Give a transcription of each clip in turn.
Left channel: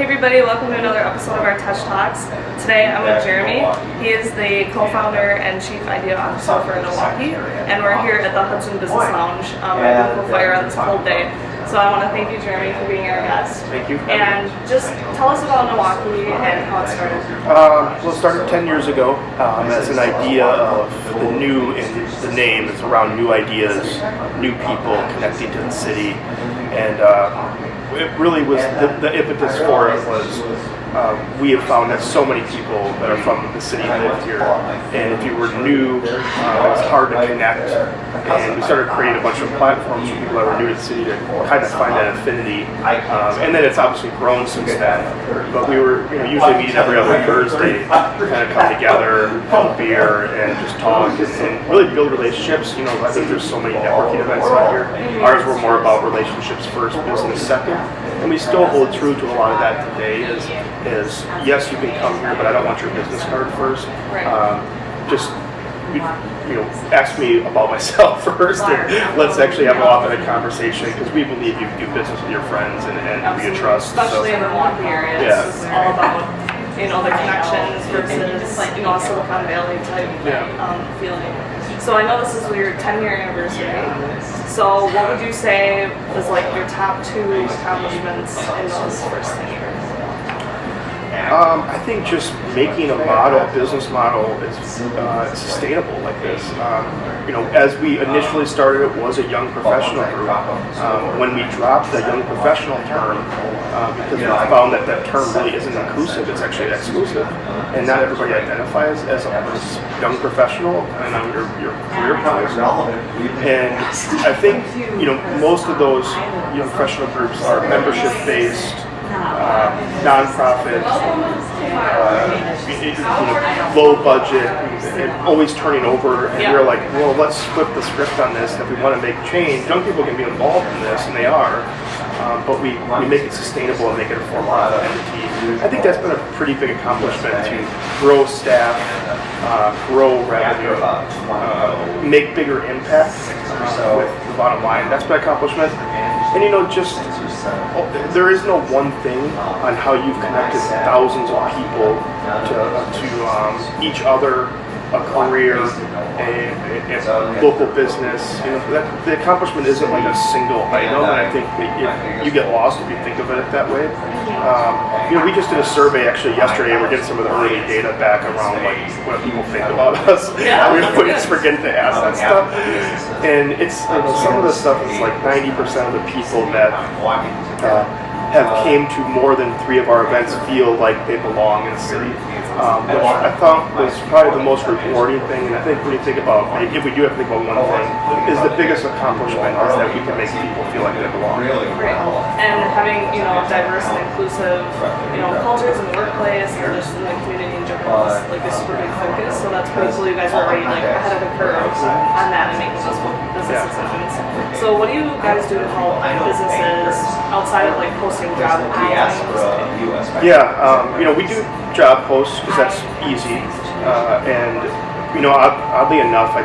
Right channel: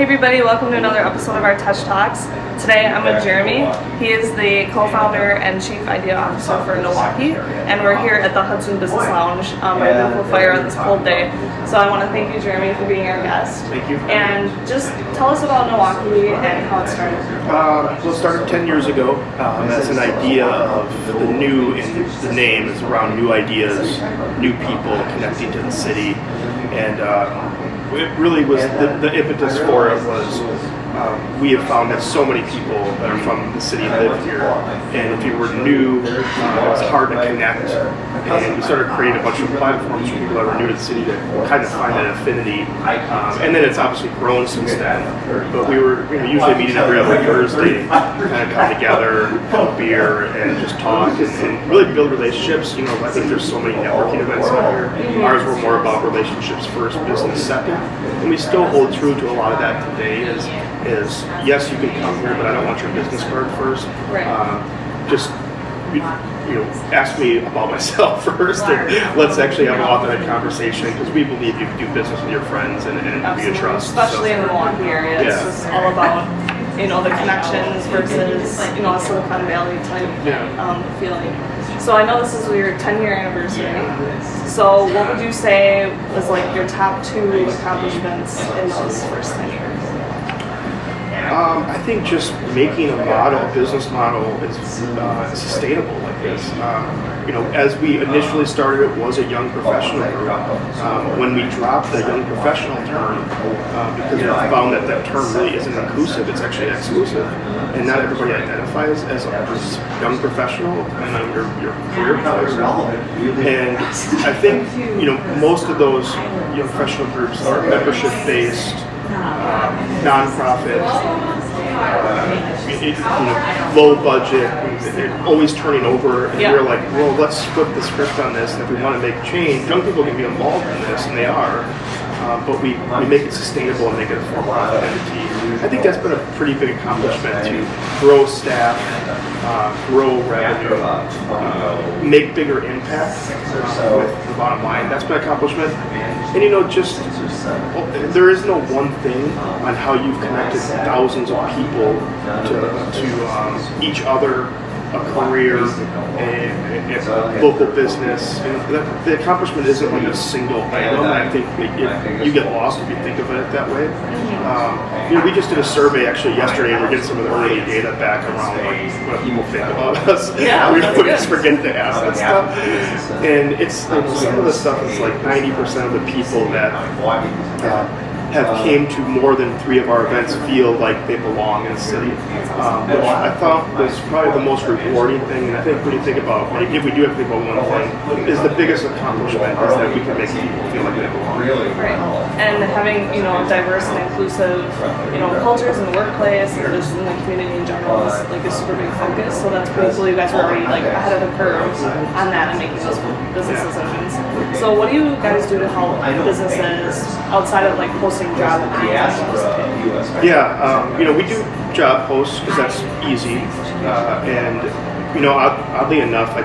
Hey everybody, welcome to another episode of our TESCH Talks. Today I'm with Jeremy. He is the co-founder and chief idea officer for NEWaukee, and we're here at the Hudson Business Lounge by a beautiful fire on this cold day. So I want to thank you, Jeremy, for being our guest. Thank you. And just tell us about NEWaukee and how it started. Well, it started 10 years ago as an idea of the new, and the name is around new ideas, new people connecting to the city. And it really was, the impetus for it was we have found that so many people that are from the city live here, and if you were new, it was hard to connect. And we started creating a bunch of platforms for people that were new to the city to kind of find that affinity. And then it's obviously grown since then. But we were usually meeting every other Thursday, kind of come together, have a beer, and just talk and really build relationships. I think there's so many networking events out here. Ours were more about relationships first, business second. And we still hold true to a lot of that today. Is yes, you can come here, but I don't want your business card first. Right. Ask me about myself first, and let's actually have an authentic conversation, because we believe you do business with your friends and be a trust. Especially in the Milwaukee area, yeah. It's just all about the connections versus a Silicon Valley type feeling. So I know this is your 10-year anniversary. So what would you say was like your top 2 accomplishments in those first 10 years? I think just making a business model is sustainable like this. As we initially started, it was a young professional group. When we dropped the young professional term, because we found that term really isn't inclusive, it's actually exclusive. And not everybody identifies as a young professional and on your career choice. And I think, most of those young professional groups are membership-based, nonprofit, low budget, and always turning over. And we're like, well, let's flip the script on this. And if we want to make change, young people can be involved in this, and they are. But we make it sustainable and make it a for-profit entity. I think that's been a pretty big accomplishment to grow staff, grow revenue, make bigger impact with the bottom line. That's been an accomplishment. And there is no one thing on how you've connected thousands of people to each other, a career, a local business. The accomplishment isn't like a single item, and I think you get lost if you think of it that way. We just did a survey actually yesterday, and we're getting some of the early data back around like what people think about us. Yeah, we just forget to ask that stuff, and it's some of the stuff is like 90% of the people that have came to more than 3 of our events feel like they belong in the city, which I thought was probably the most rewarding thing. And I think when you think about, if we do have to think about one thing, is the biggest accomplishment is that we can make people feel like they belong. Right. And having, diverse and inclusive, cultures in the workplace and just in the community in general is like a super big focus. So that's pretty cool. You guys are already like ahead of the curve on that and making those business decisions. So what do you guys do to help businesses outside of like posting job opportunities? We do job posts because that's easy. Oddly enough, I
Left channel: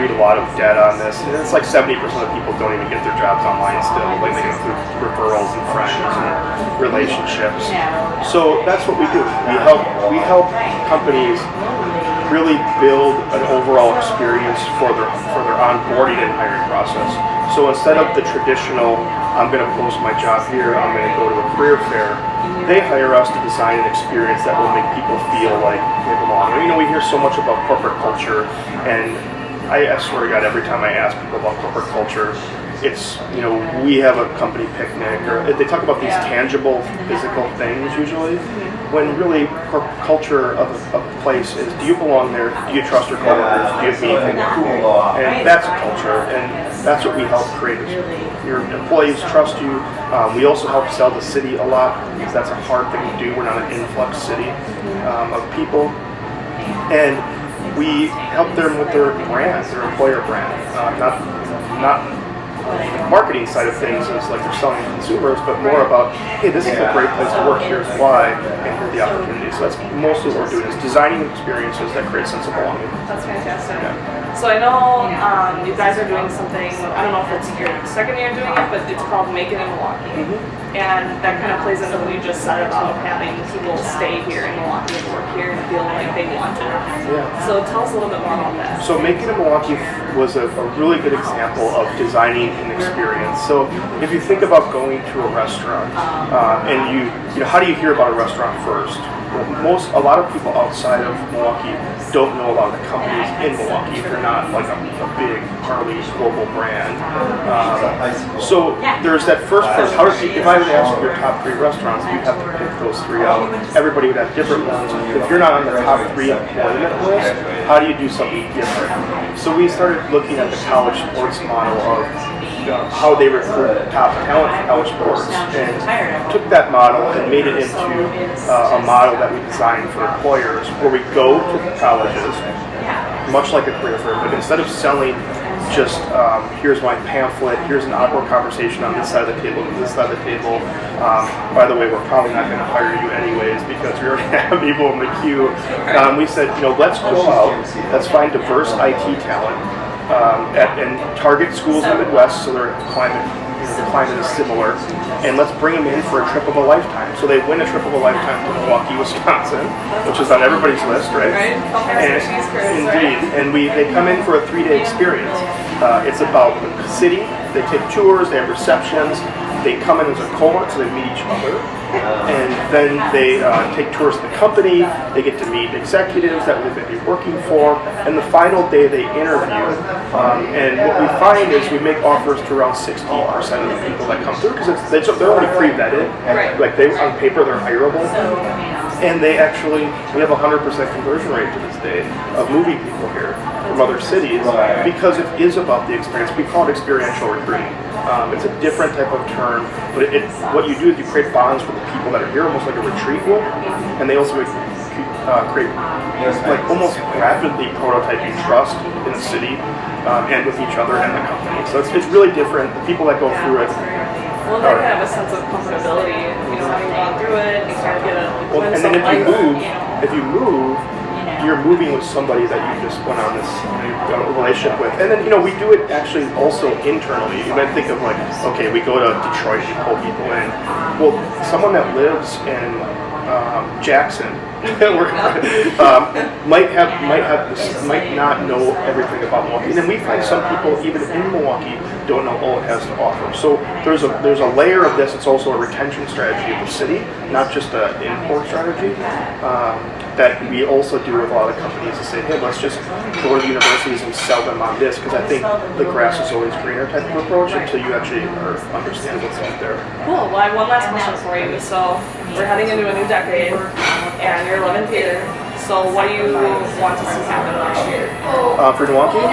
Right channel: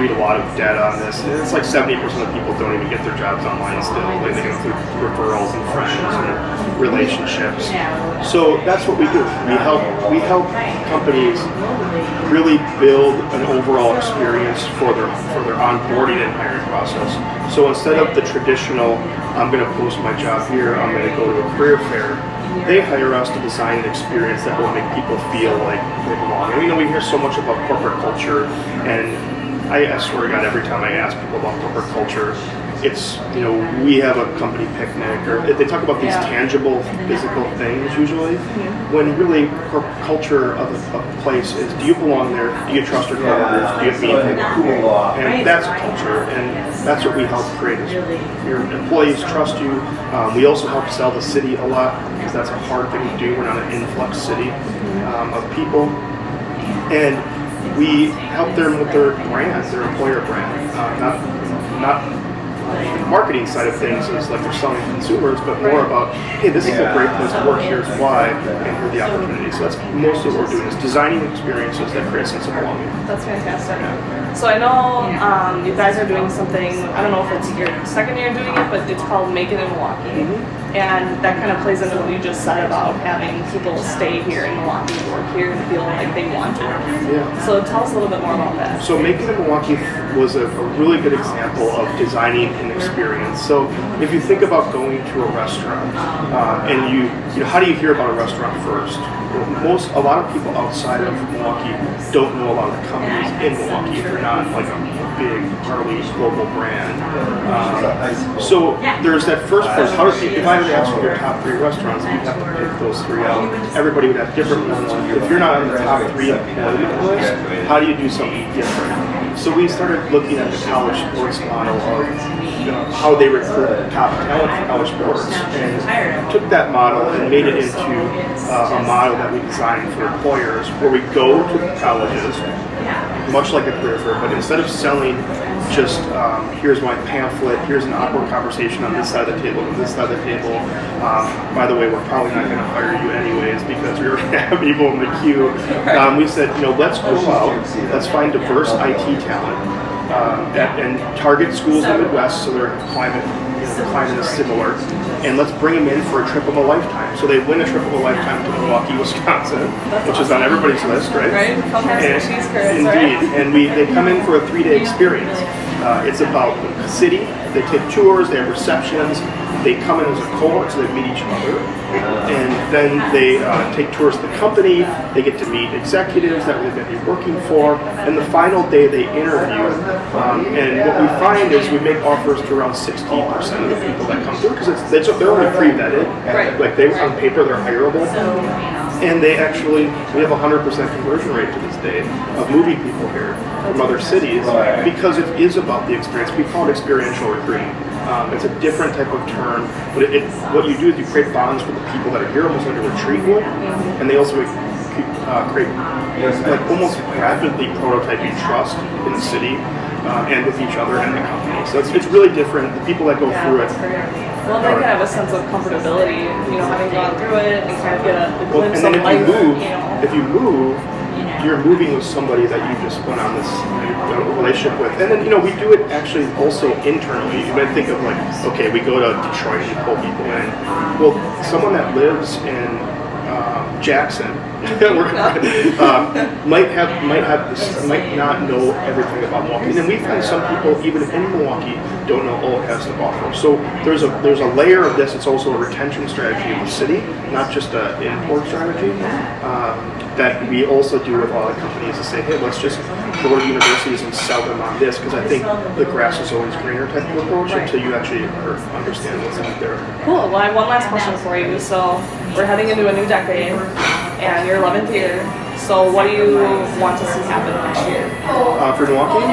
read a lot of data on this, and it's like 70% of people don't even get their jobs online still. Like they go through referrals and friends and relationships. So that's what we do. We help companies really build an overall experience for their onboarding and hiring process. So instead of the traditional, I'm going to post my job here, I'm going to go to a career fair, they hire us to design an experience that will make people feel like they belong. And we hear so much about corporate culture, and I swear to God, every time I ask people about corporate culture, it's, we have a company picnic, or they talk about these tangible physical things usually, when really culture of a place is, do you belong there? Do you trust your coworkers? Do you have meaningful work? And that's a culture, and that's what we help create. Your employees trust you. We also help sell the city a lot, because that's a hard thing to do. We're not an influx city of people. And we help them with their brand, their employer brand, not the marketing side of things is like they're selling to consumers, but more about, hey, this is a great place to work, here's why, and here are the opportunities. So that's mostly what we're doing, is designing experiences that create a sense of belonging. That's fantastic. So I know you guys are doing something, I don't know if it's your second year doing it, but it's called Make It in Milwaukee. And that kind of plays into what you just said about having people stay here in Milwaukee and work here and feel like they want to work here. Yeah. So tell us a little bit more about that. So Make It in Milwaukee was a really good example of designing an experience. So if you think about going to a restaurant, and you know, how do you hear about a restaurant first? A lot of people outside of Milwaukee don't know a lot of the companies in Milwaukee if they're not like a big, gnarly global brand. So there's that first part. How do you, if I would ask you your top 3 restaurants, you'd have to pick those 3 out. Everybody would have different ones. If you're not on the top 3 employment list, how do you do something different? So we started looking at the college sports model of how they recruit top talent for college sports, and took that model and made it into a model that we designed for employers, where we go to the colleges, much like a career fair, but instead of selling just here's my pamphlet, here's an awkward conversation on this side of the table, and this side of the table. By the way, we're probably not going to hire you anyways because we already have people in the queue. We said, let's go out, let's find diverse IT talent. And target schools in the Midwest, so their climate, the climate is similar, and let's bring them in for a trip of a lifetime. So they win a trip of a lifetime to Milwaukee, Wisconsin, which is on everybody's list, right? Right, come have some cheese curds, indeed, right? and they come in for a 3-day experience. It's about the city. They take tours, they have receptions. They come in as a cohort, so they meet each other, and then they take tours of the company. They get to meet executives that they're going to be working for, and the final day they interview. And what we find is we make offers to around 60% of the people that come through, because they're only pre-vetted. Right. Like on paper, they're hireable. And we have a 100% conversion rate to this day of moving people here from other cities, because it is about the experience. We call it experiential recruiting. It's a different type of term, but what you do is you create bonds with the people that are here, almost like a retreat would, and they also create like almost rapidly prototyping trust in the city and with each other and the company. So it's really different. The people that go through it. That's great. Well, they kind of have a sense of comfortability, having gone through it, and kind of get a glimpse of life. If you move, you're moving with somebody that you just went on this relationship with. And then, we do it actually also internally. You might think of like, okay, we go to Detroit and pull people in. Well, someone that lives in Jackson might not know everything about Milwaukee. And then we find some people even in Milwaukee don't know all it has to offer. So there's a layer of this. It's also a retention strategy of the city, not just an import strategy, that we also do with all the companies to say, hey, let's just go to universities and sell them on this, because I think the grass is always greener type of approach until you actually understand what's out there. Cool. Well, I have one last question for you. So we're heading into a new decade, and your 11th year. So what do you want to see happen next year? For NEWaukee?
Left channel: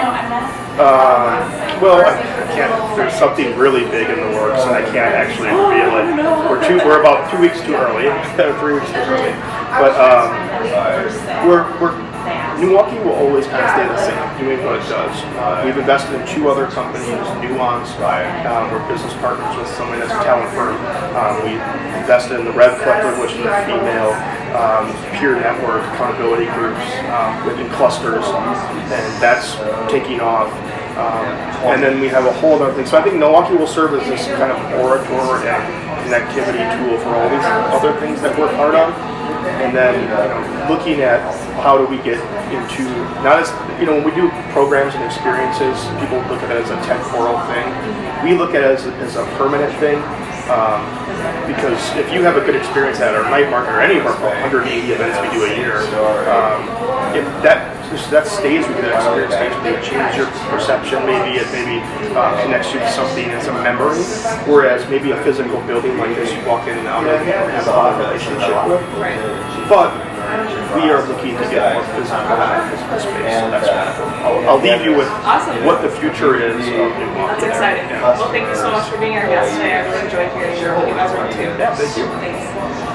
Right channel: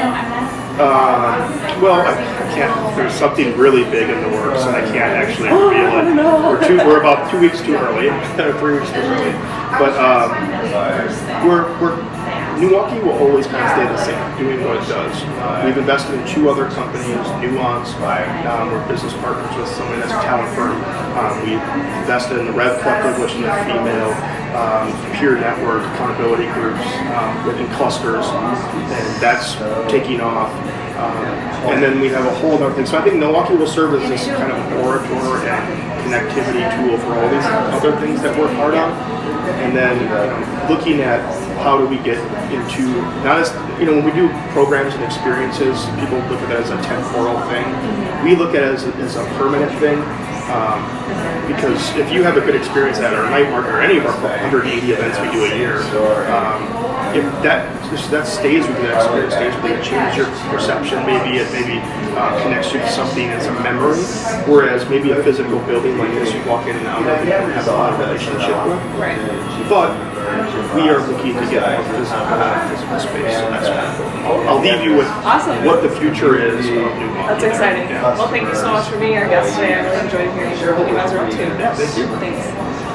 Well, I can't. There's something really big in the works, and I can't actually reveal it. No. We're about 2 weeks too early, 3 weeks too early. But NEWaukee will always kind of stay the same, doing what it does. We've invested in 2 other companies, Nuance. We're business partners with someone that's a talent firm. We invested in the Rev Collective, which is a female peer network accountability groups within clusters, and that's taking off. And then we have a whole other thing. So I think NEWaukee will serve as this kind of orator and connectivity tool for all these other things that we're part of. And then looking at how do we get into, not as, when we do programs and experiences, people look at it as a temporal thing. We look at it as a permanent thing. Because if you have a good experience at our night market or any of our 180 events we do a year, if that stays with you, that experience stays with you, it changes your perception, maybe it connects you to something as a memory, whereas maybe a physical building like this, you walk in and out of, you don't have a relationship with. Right. But we are looking to get more physical in our physical space, so that's kind of cool. I'll leave you with what the future is. That's exciting. Well, thank you so much for being our guest today. I really enjoyed hearing what you guys are up to. Yeah, thank you. Thanks.